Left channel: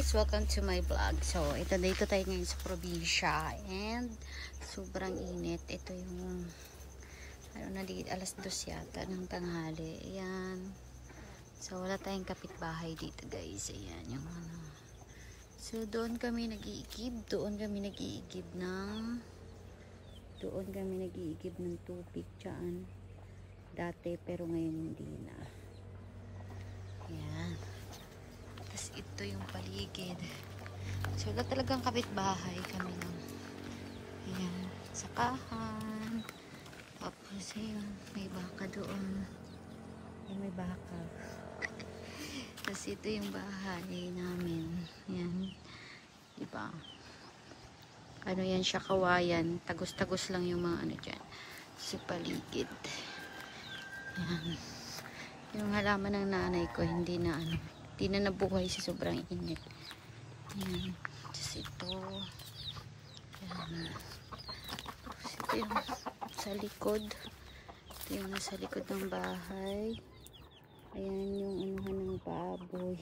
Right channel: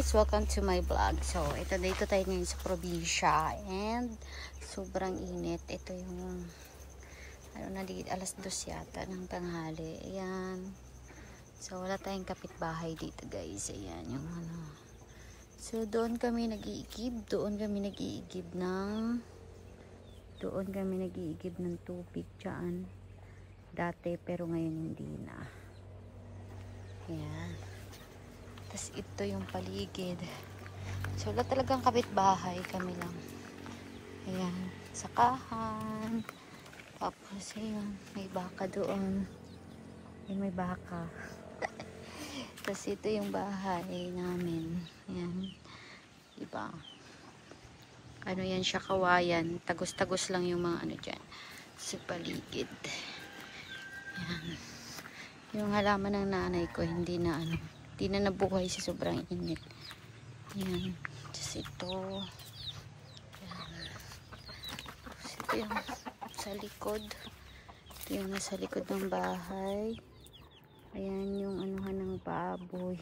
guys, welcome to my vlog. So, dito tayo ngayon sa probinsya and sobrang init. Ito yung alas 2 yata ng tanghali. Ayan. So, wala tayong kapitbahay dito guys. Ayan yung So, doon kami nag-iigib ng tubig dyan. Dati, pero ngayon hindi na. Ayan. Tapos ito yung paligid. So, wala talagang kapitbahay, kami lang. Ayan, sakahan. Tapos, ayan, may baka doon. May baka. Tapos ito yung bahay namin. Ayan. Diba? Ano yan siya, kawayan. Tagos-tagos lang yung mga dyan. Sa paligid. Ayan. Yung halaman ng nanay ko, hindi na nabuhay sa sobrang init. Ayan. Tapos ito. Ayan. Ito yung sa likod. Ito yung nasa likod ng bahay. Ayan yung anuhan ng baboy.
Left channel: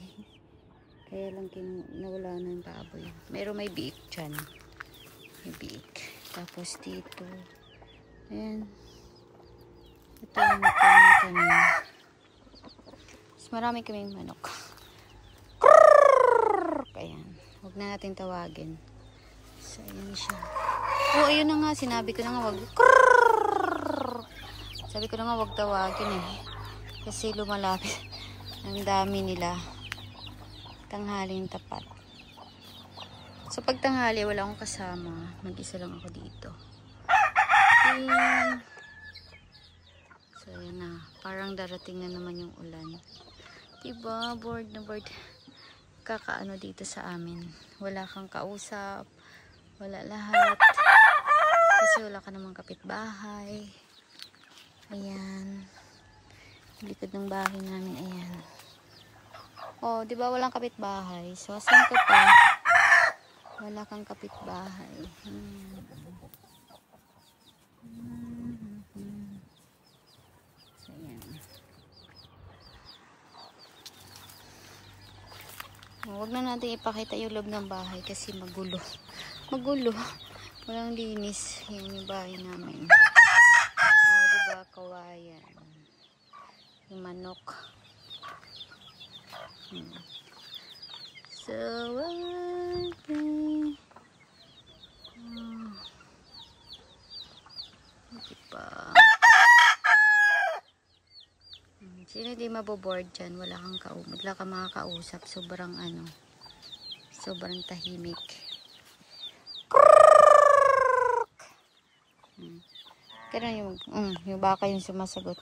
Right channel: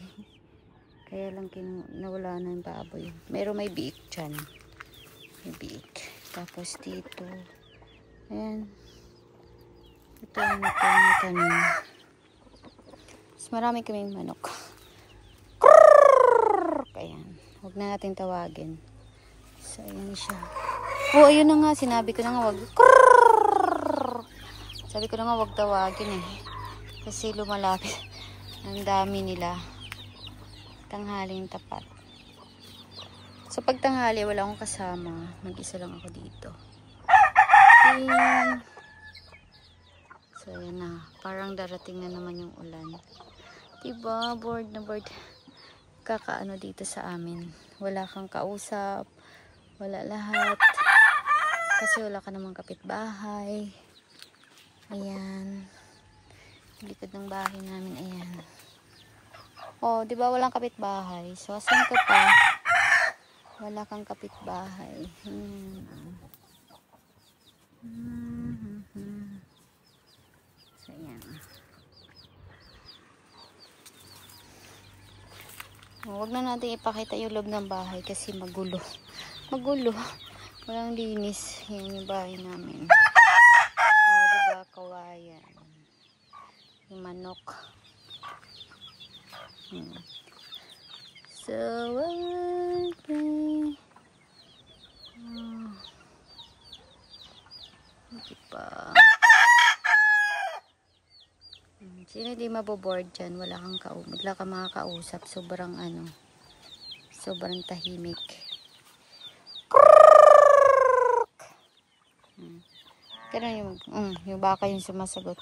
Kaya lang nawala na yung baboy. May biik dyan. May biik. Tapos dito. Ayan. Ito yung tanim. Marami kaming manok. Ayan. Huwag na natin tawagin. So, ayan siya. Oh, ayun na nga. Sinabi ko na nga wag. Sabi ko na nga wag tawagin eh. Kasi lumalapit. Ang dami nila. Tanghaling tapat. So, pag tanghali, wala akong kasama. Mag-isa lang ako dito. And, so, ayan na. Parang darating na naman yung ulan. Diba? Bored na bored. Kakaano dito sa amin. Wala kang kausap. Wala lahat. Kasi wala ka namang kapitbahay. Ayan. Likod ng bahay namin. Ayan. Oh, diba walang kapitbahay? So, asan ka pa? Wala kang kapitbahay. So, ayan. Huwag na natin ipakita yung loob ng bahay kasi magulo. Magulo. Walang linis. Yan yung bahay namin. O, diba? Kawayan. Yung manok. So, okay. Diba? Sino di maboboard dyan? Wala kang makakausap. Sobrang sobrang tahimik. Ganun yung baka yung sumasagot.